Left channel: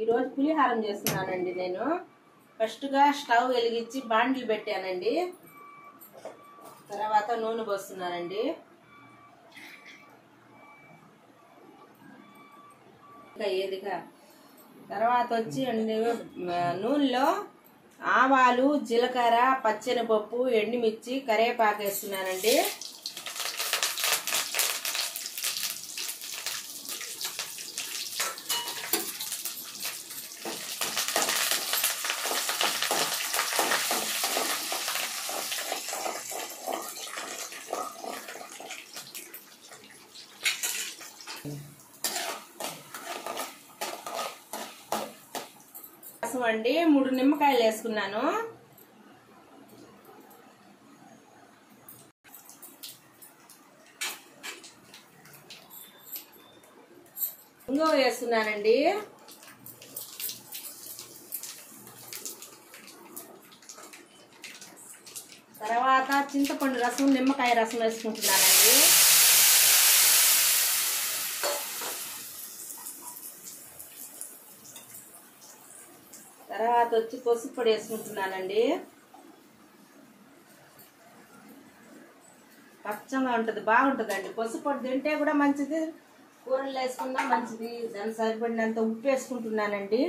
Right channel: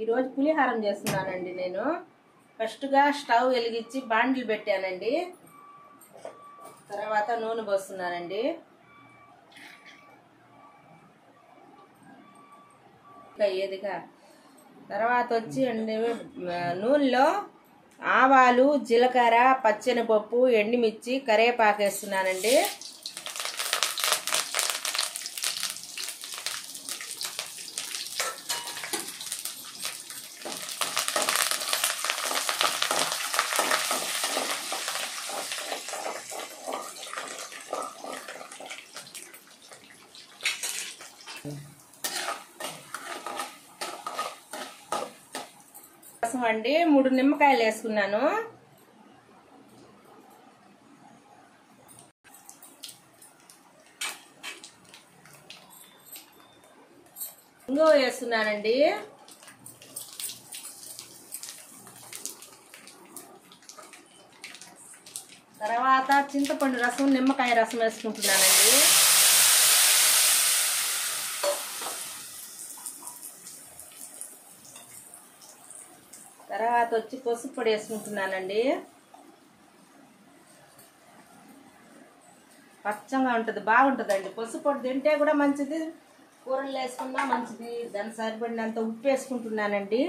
ఈ రోజు పులిహారం చేస్తున్నానండి నేను. ఫస్ట్ గా స్టవ్ వెలిగించి బాండిల్ పెట్టానండి. తర్వాత నూనె పోస్తున్నానండి. ఏదిగా తర్వాత వచ్చి నూనెలో ఆవాలు, జీలకర్ర, పచ్చెనపప్పు, ఎండుమిర్చి, కరివేపాకు వేస్తున్నానండి. రసం అండి 3 నిమ్మకాయలు వేసుకున్నాను. ఇంగువ వేస్తున్నానండి. తర్వాత చింతపండు రసం, నిమ్మకాయ రసం వేసుకుంటున్నానండి. తర్వాత వచ్చి పసుపు పొడి వేసుకుంటున్నానండి. పచ్చగా ఉంటుంది, బాగుంటుందండి. పసుపు పొడి తింటే కూడా మంచిది, కూరలు వేసుకున్నా మంచిది. దానికి సరిపడినంత ఉప్పు వేసుకుంటున్నానండి.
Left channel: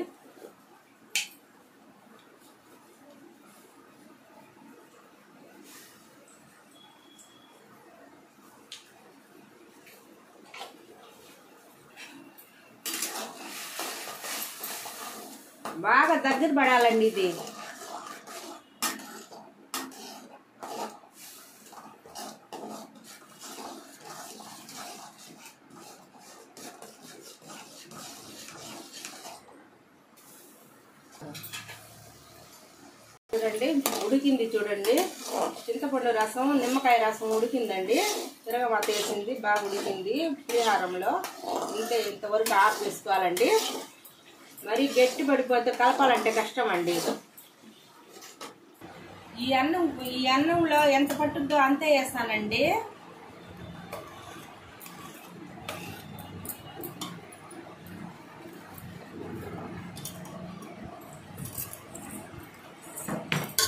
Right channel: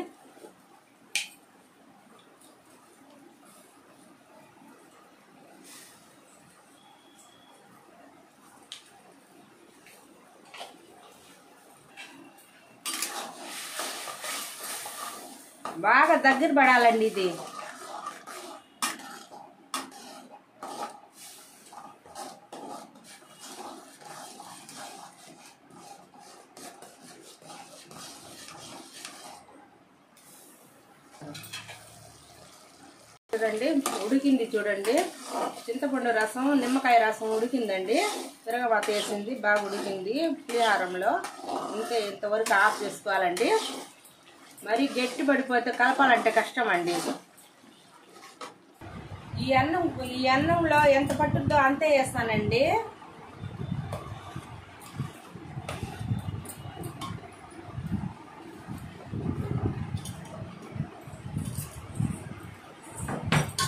బాగా దగ్గర పడాలండి ఇది. చూడండి ఉడికింది. చూడండి చింతపండు రసం, నిమ్మకాయ రసం ఉడికిందండి. తిరగబాత వేసింది, బాగా ఉడికింది. పులిహారంలో ఇంతవరకు ఆఫ్ చేసుకోవాలండి. మరి గట్టి పడిపోతే కలపాలంటే కష్టం అండి. ఈ అన్నంలో ఎంత పట్టుద్దో అంతే వేస్తానండి.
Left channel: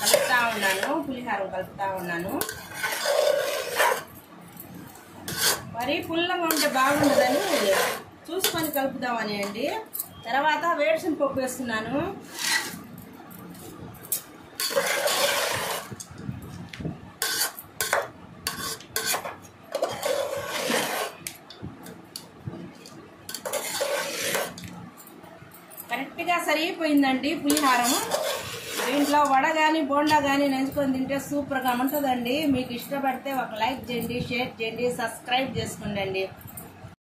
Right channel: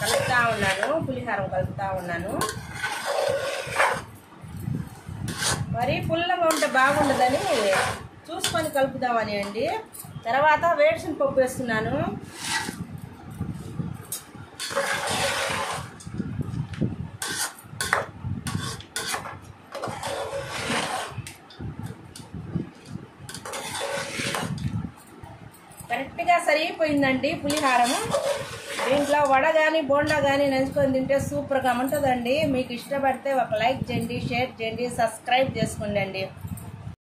కలుపుతా ఉన్నాను, పులిహారం కలుపుతా ఉన్నాను. మరి పుల్లగా ఉంటే బాగుండదని చూసుకొని కలుపుదామని అండి. తర్వాత వేరుశనగ పప్పు వేస్తున్నాను. కరెక్ట్గా సరిపోయిందండి పులిహారం. దీంట్లో వడ కానీ బోండా కానీ నంచుకొని తింటే సూపర్గా ఉంటుందండి. మీకు ఇష్టపడితే ఒక లైక్ చేయండి, షేర్ చేయండి, సబ్స్క్రైబ్ చేసుకోండి.